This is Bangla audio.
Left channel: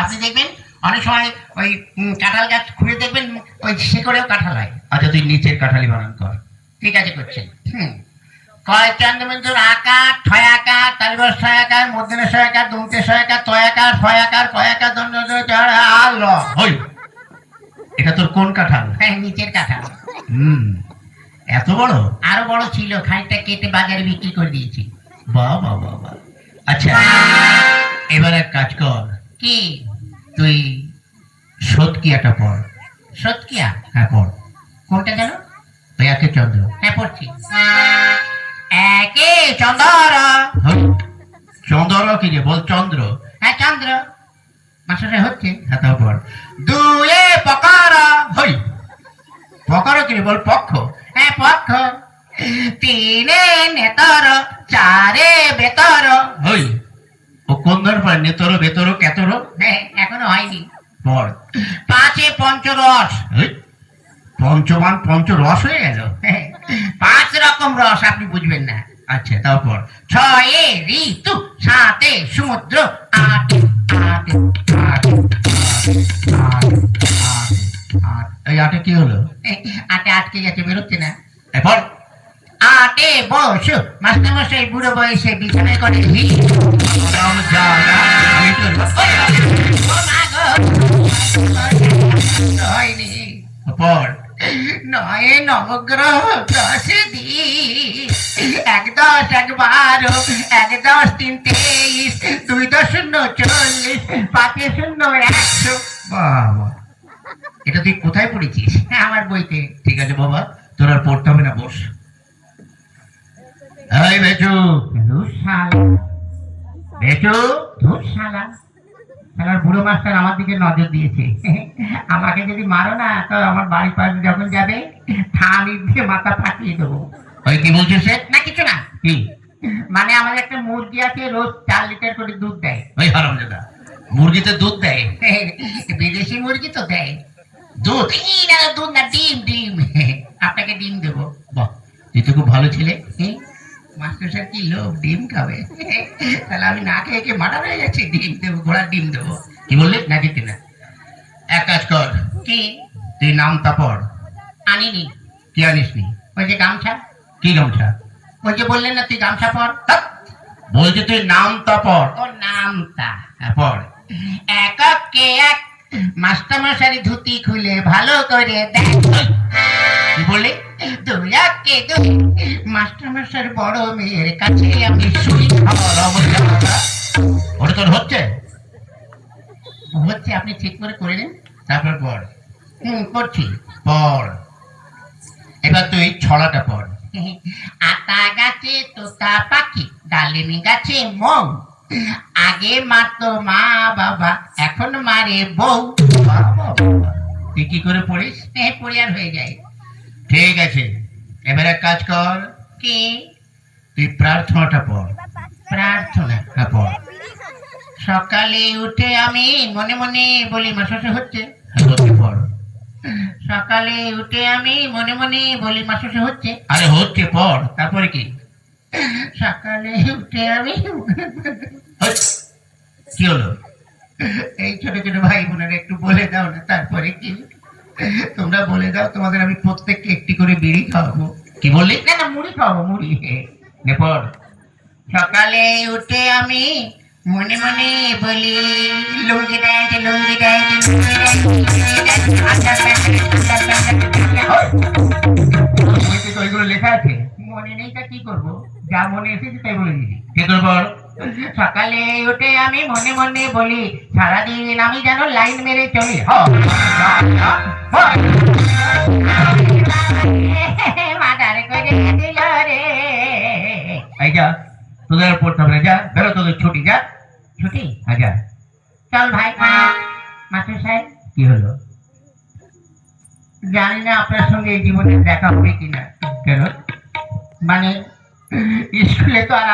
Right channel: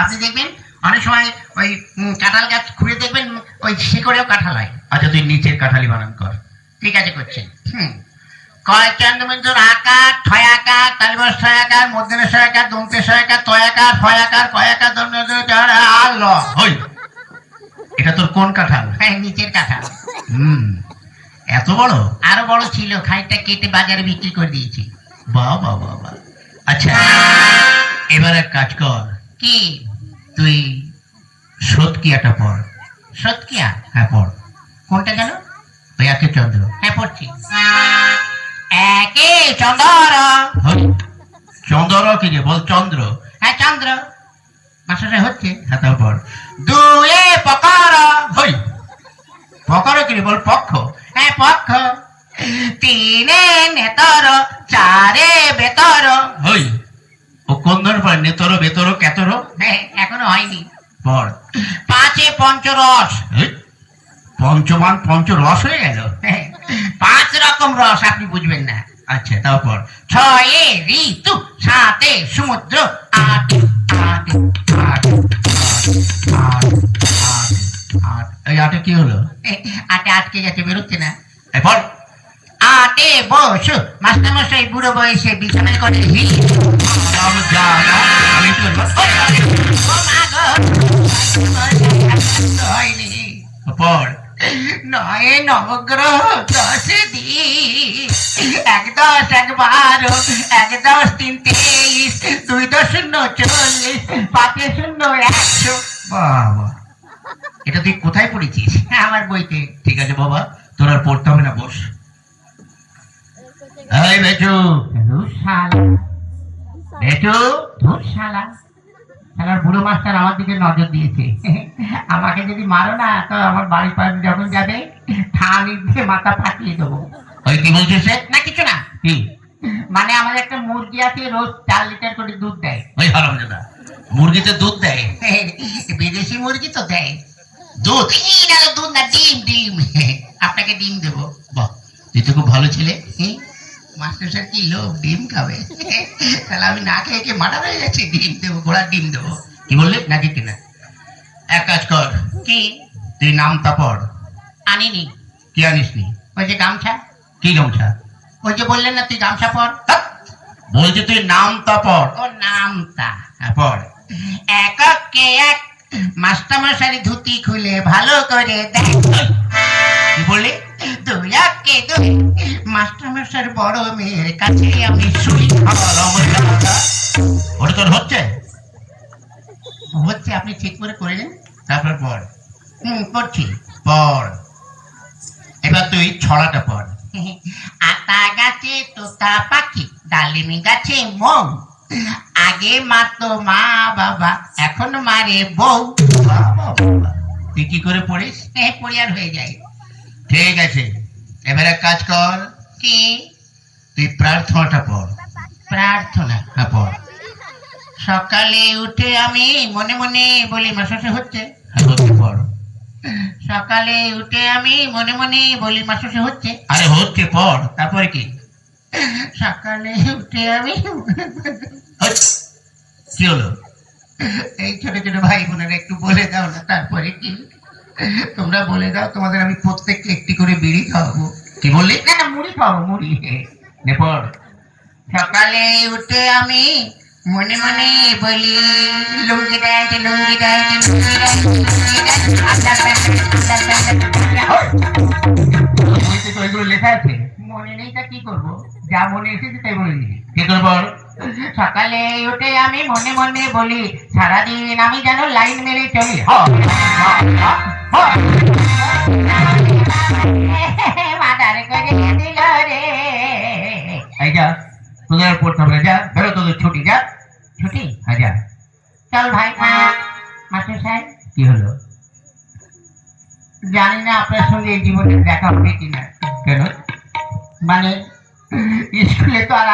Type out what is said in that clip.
আপনি দেখবেন অনেক সময় ওই কাঁঠাল গাছ খুঁড়ে দেখবেন ওই শিকড়েও কাঁঠাল হয়। আচ্ছা তুই নিচের কাঁঠালি বানান কর। ঠিক আছে করছেন। কয় চন্দ্রবিন্দুর আকার ছয় আকার তালিবর ছয় আকার মধ্যে ছয় আকার দন্তে ছয় আকার তয় আকার ছয় আকার কয় আকার দন্ড আর ল। ওই এটা তোর কোন কাঁঠাল? হ্যাঁ নিচের কাঁঠাল। এত বড়? আরো বড় ছিল, খানিকটা কেটে বাজারে বিক্রি করে দিয়েছি। বাহ বাহ বাহ বাহ। আচ্ছা এবার এক কাজ কর, কি? তুই সৎকিয়াটা পড়। সৎকিয়া? হ্যাঁ পড়। কোনটা যেন? ওই একে চন্দ্র। হ্যাঁ পড়ছি। একে চন্দ্র। চন্দ্র কি রে? বল চন্দ্র। হ্যাঁ চন্দ্র। মাস্টার হচ্ছে। হ্যাঁ তারপর দুয়ে পকর। হই পকর কি রে? বল পক্ষ। হ্যাঁ পক্ষ। তিনে নেতর চারে বেতর। হই ও কোন ধর পর? নেতর বেতর কেতর? হ্যাঁ এখনো হয়নি। পড়। পাঁচে পঞ্চরস। পঞ্চমান পঞ্চরস হয়ে গেল। হ্যাঁ, 5 রকম রস আপনি বুঝবেন না। আচ্ছা তারপর ছয়ে ঋতু সাতে সমুদ্র আটে আটে আটে এই আটে কি হলো? আটে আটকে গেছে, বেরোচ্ছে না। পড়। আটে বস মাস্টারমশাই বুড়ো বয়সে বিছানায় করে হি। আমি তো হয়নি। পড়। নয় নবগ্রহ 10 দিন 1 10 1 12 1 10 3 23 2 10 0 40 5 0 100। বাবা এটা তুই কোথায় পড়েছিস? আমার বইতে। ঠিক আছে বাবা, তোর আর পড়তে হবে না, বস। এই বেচু, বেচু, শালা শালার বুড়ো মাস্টার আমার দিকে নজর দিয়েছে। আমাকে যদি মারো না তো আমার বাড়ির পাশে যখন যাবে ঠানি দিয়ে মাথা ফাটিয়ে দেবো। ওই কি বলছিস সে? না কিছু না। কি? মানে আমাদের একটা মুরগি আছে, রোজ 4 লিটার করে দুধ দেয়। ওই হারামজাদা মুরগিতে দুধ দেয়? বিদেশি মুরগি তো দেয় দুধ। না দুধ না, ডিম ডিম। আপনাকে ডিম দেবো। বাহ তুই তো খুব ভালো ছেলে। মাস্টার স্যার কি লোক ডিম খাবে? তাহলে আমি না খেয়ে খেয়ে মারা হয়ে যাচ্ছি। ডিম দেবো, ঘোড়ার ডিম দেবো। কি বললে? নাকি কিনা? এক কাজ কর, কি? তুই নামটা পড়। আনিনি। কি আনিস নি? ওই যে গামছা। কি গামছা? ওই যে বললেন না তুই গামছা পড়। বলছি তুই নামটা পড়। ও নামটা। হ্যাঁ পড়। এককে এক মাস্টারমশারি ধুতি খুলে ভালো করে দেখ। কি বললি? 2 একে 2 মাস্টারমশার বড় মেয়ের কাছে আমি শুই। ওটা তোর হচ্ছে? হচ্ছে, আপনি ঠিক করে করে দিন। তারপর পড়। করছি। পড়। এবার তুই ছড়াটা পড়। আতা গাছে তোতা পাখি, ডালিম গাছে মৌ, আগে মারতো মা বাবা, এখন মারে বউ। বাবা, তুই কি করে পড়িস? পড়ি আর হয়ে যায়। ঠিক আছে, এবার এক কাজ কর, কি? তুই প্রার্থনাটা পড়। প্রার্থনা? হ্যাঁ পড়। সকালে উঠে আমি মনে মনে বলি, মাসে হচ্ছে। হ্যাঁ হচ্ছে, পড়। সকালে উঠে আমি মনে মনে বলি, মাসে হচ্ছে। আরে হচ্ছে, পড়। তারপরে কি? সকালে উঠে আমি কি হলো? এই ছোট ছোট ভাই বোনেরা একটু বলে দাও না তারপরে কি? তোমরা বলে দাও, তোমাদের আমি প্রত্যেককে একটি করে বিড়ি খাওয়াবো। কি বললি? না না, মুড়ি খাওয়াবো, মুড়ি। নে পড়। সকালে উঠে আমি মনে মনে বলি, লুঙ্গি দেয় লুঙ্গি দেয় লুঙ্গি দেয় লুঙ্গি দেয়। বইতে তো ওইগুলো লেখা আছে। মনে নেই তা কি করবো? যা মনে এসেছে তাই বলে দিচ্ছি। কি করে পড়? সকালে উঠে আমি মনে মনে বলি, সারাদিন আমি যেন লাইন মেরে চলি। মাথারে করে দিল রে। এই যা, তোদের আর পড়তে হবে না, যা বেরো, তোদের ছুটি, যা। ছুটি? হ্যাঁ যা। চল ভাই। মাস্টার সাহেব, কি হলো? জানি না আপনার সঙ্গে এই জীবনে দেখা হবে কিনা। কেন? মানে স্কুলে তো আর